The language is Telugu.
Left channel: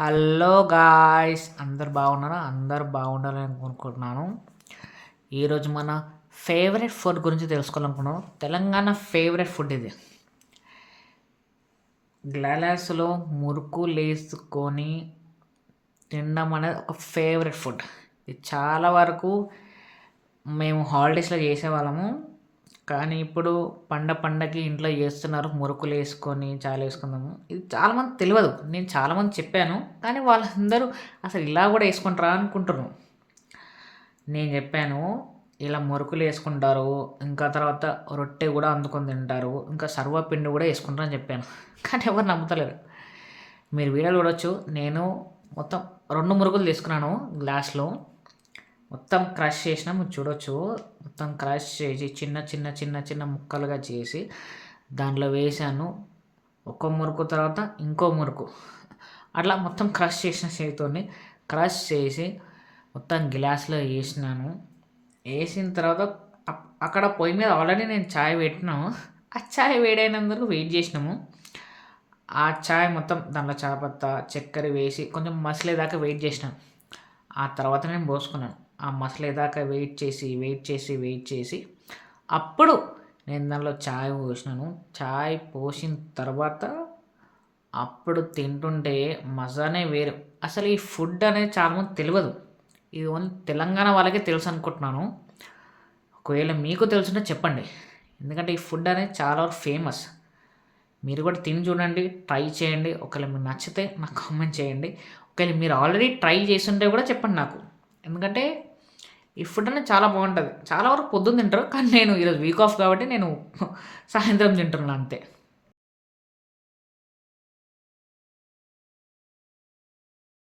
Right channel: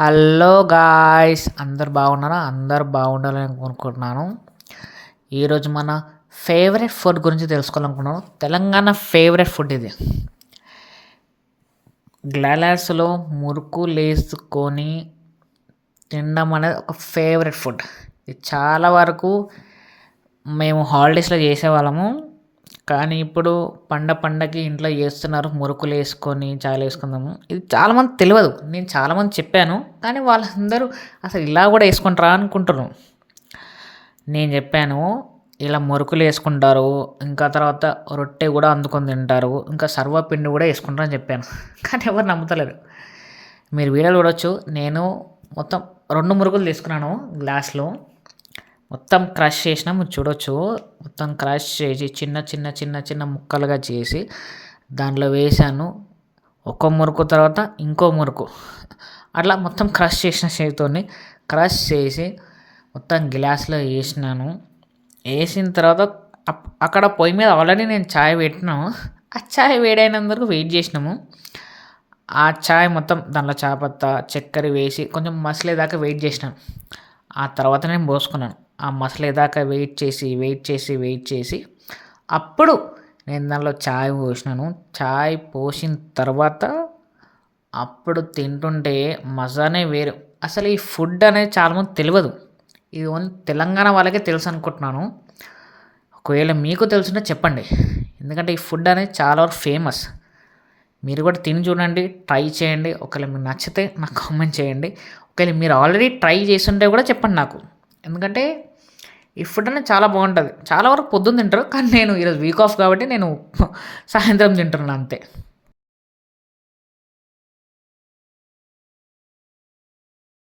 హలో గాయ్స్, అందరు బాగున్నారా? అందరు బాగుండాలని అనుకుంటున్నాను. ఈరోజు మన ఫేవరెట్ ఫుడ్ గురించి తెలుసుకోవాలనుకున్నాను. తెలంగాణ ఫేవరెట్ ఫుడ్ ఇది. గ్లాస్లో మురుకు లేసుకొని తినడం అనేది ఒక ఫేవరెట్ ఫుడ్. ఇది చాలా వరకు మేము హాలిడేస్లో చేసేవాళ్ళము. కానీ ఇప్పుడు పండగకి ఇంట్లో చేస్తున్నారు, మురుకులు వేసుకొని చాయలు వేసుకుందాము. ఇది చాలామంది తెలియదు. నేను చాలామంది చెప్పాను, కానీ వాళ్ళందరూ అసలు ఇలా కూడా వేసుకుంటారా అనుకుంటున్నారు. నేను చెప్పాను, ఇలా మురుకులు వేసుకుంటారు, ఇంకా తర్వాత రొట్టె కూడా అందుకొని తింటారు, ఇంకా సర్వపిండి కూడా వేసుకుంటారు అని చెప్పాను. కానీ ఎవరు నమ్ముతలేరు. మీరు వీడియోలు చూడొచ్చు. నేను మొత్తం 2 మురుకులు తీసుకున్నాను గ్లాస్లో. మొత్తం క్రష్ చేసిన మీరు చూడొచ్చు. మొత్తం క్రష్ చేసి చిన్న చిన్న చిన్న చిన్న ముక్కలుగా చేసి దాంట్లో వేసాను. ఒక మురుకు తర్వాత ఇంకో మురుకు, అట్లా మొత్తం క్రష్ చేసిన చేతితోని క్రష్ చేసి మొత్తం గ్లాస్లో వేసినాను. వేసిన తర్వాత అక్కడ పొయ్యి మీద ఆల్రెడీ నేను చాయ్ పెట్టినాము. ఆ చాయ్ వేడైనందుకు వెయిట్ చేసినాము. ఆ చాయ్ మొత్తం దాంట్లో చాపత్తా చక్కెర వేసి కొంచెం మసలేదాకా వెయిట్ చేసినాం. ఆ తర్వాత నేను పోసుకున్నాను. ఆ మసలేదాకా వెయిట్ చేసి అప్పుడు నేను దానిలో చాయ్ పోసినాను. చాయ్ పోసిన తర్వాత అప్పుడు తింటుంటే మజానే వేరు. అసలు ఈ ఫుడ్ అనేది చాలామంది తెలియదు. ఇది ఓన్లీ తెలంగాణ వాళ్ళకే తెలుసు అనుకుంటున్నాను. ఒకవేళ మీకు తెలుసుంటే చెప్పండి, ఎందుకంటే ఈ ఫుడ్ అనేది చాలా వరకు ఫేమస్. మీరు కూడా తిని చూడండి, ట్రై చేయండి. ఒకవేళ మీకు నచ్చితే నాకు కామెంట్ చేయండి. ఒకవేళ మీరు ఆల్రెడీ ట్రై చేస్తుంటే కూడా చెప్పండి నాకు. ఎందుకంటే ఈ ఫుడ్ అనేది చాలా బాగుంటుంది. చాలా వరకు పొద్దున్న తింటారు, కానీ నేను ఈరోజు వీక్ ఆఫ్ కాబట్టి నేను సాయంత్రం తింటున్నాను అంతే.